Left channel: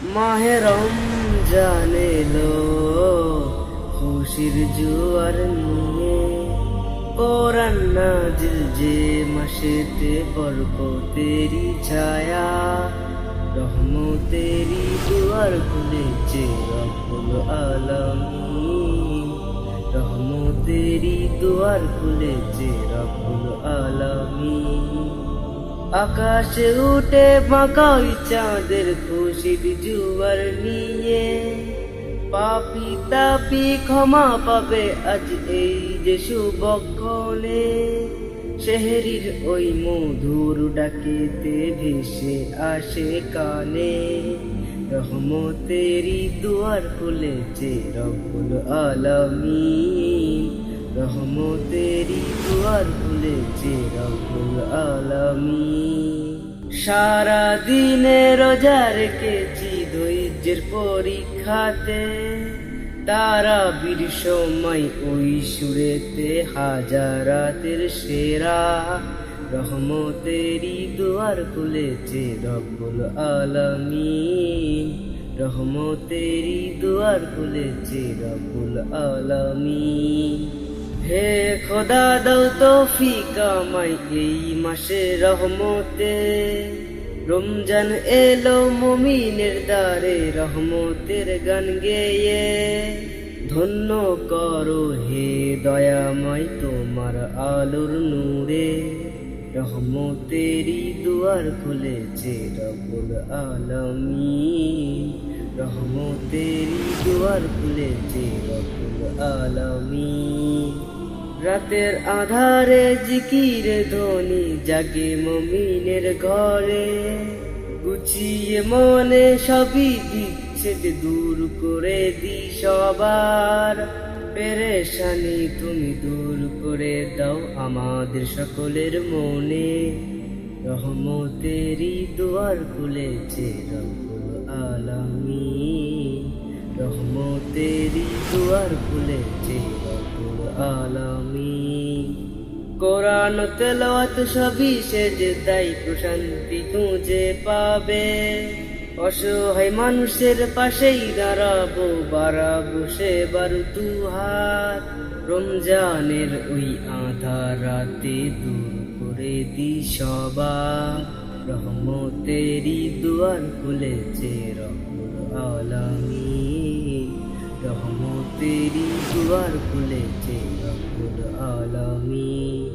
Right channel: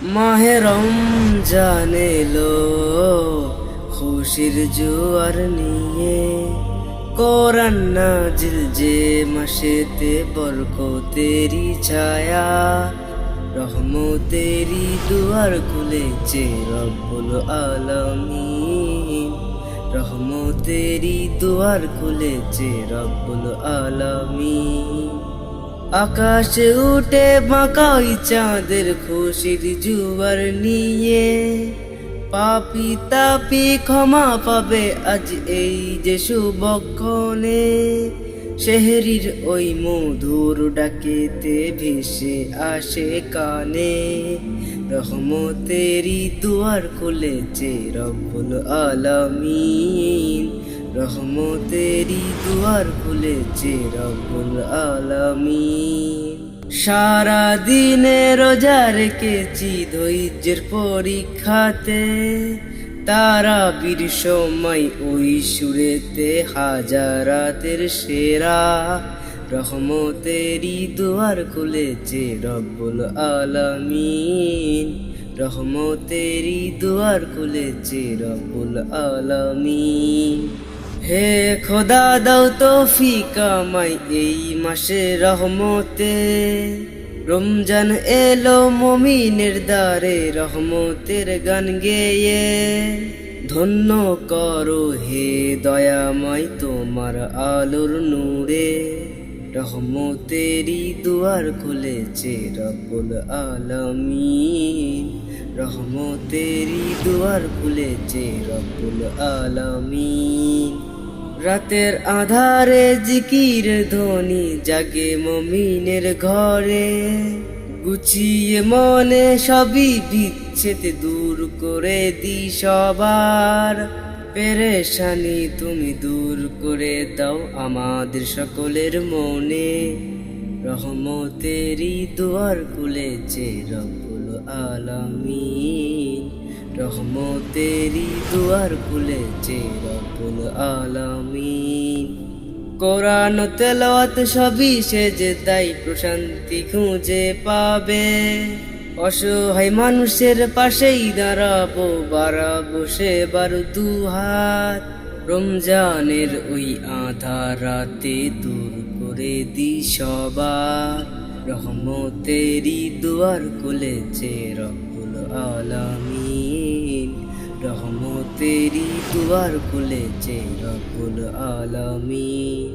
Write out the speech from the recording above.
মাহে রমজান এলো খুশির জোয়ার নিয়ে, কোরআন নাজিল যে মাসেতে বরকতেরি ছায়া, রহমতেরি দুয়ার খুলেছে রব্বুল আলামিন, রহমতেরি দুয়ার খুলেছে রব্বুল আলামিন। আকাশে উঠে বাঁকাই চাঁদের খুশির জুয়ার নিয়ে, পাপি তাপি ক্ষমা পাবে আজ এই যে শুভক্ষণে, শেহরির ওই মধুর ডাকেতে ভেসে আসে কানে, রহমতেরি দুয়ার খুলেছে রব্বুল আলামিন, রহমতেরি দুয়ার খুলেছে রব্বুল আলামিন। সারা দিনে রোজা রেখেছি ধৈর্যের পরীক্ষাতে, তারাবির সময় ওই সুরেতে হাজারাতের সেরা, রহমতেরি দুয়ার খুলেছে রব্বুল আলামিন, রহমতেরি দুয়ার খুলেছে রব্বুল আলামিন। হে খোদা দাও তৌফিক আমায় এই মাসে রহমতে, রমজান এলো মুমিনের দ্বারে রহমতের গান গেয়ে, ধন্য করো হে দয়াময় তোমার আলোর নূরে, রহমতেরি দুয়ার খুলেছে রব্বুল আলামিন, রহমতেরি দুয়ার খুলেছে রব্বুল আলামিন। রাতের আধারে জিকির ধ্বনি জাগে মুমিনের ঘরে, গুছিয়ে মনে সবই বিচ্ছেদ দূর করে দি সবার, পেরেশানি তুমি দূর করে দাও আমাদের সকলের মনে, রহমতেরি দুয়ার খুলেছে রব্বুল আলামিন, রহমতেরি দুয়ার খুলেছে রব্বুল আলামিন। কোরআন তেলাওয়াত সবই সেজদাই প্রশান্তি খুঁজে পাবে, অসহায় মানুষের পাশেই দাঁড়াবো বাড়াবো সেবার দুহাত, রমজানের ওই আধার রাতে দূর করে দি সবার, রহমতেরি দুয়ার খুলেছে রব্বুল আলামিন, রহমতেরি দুয়ার খুলেছে রব্বুল আলামিন।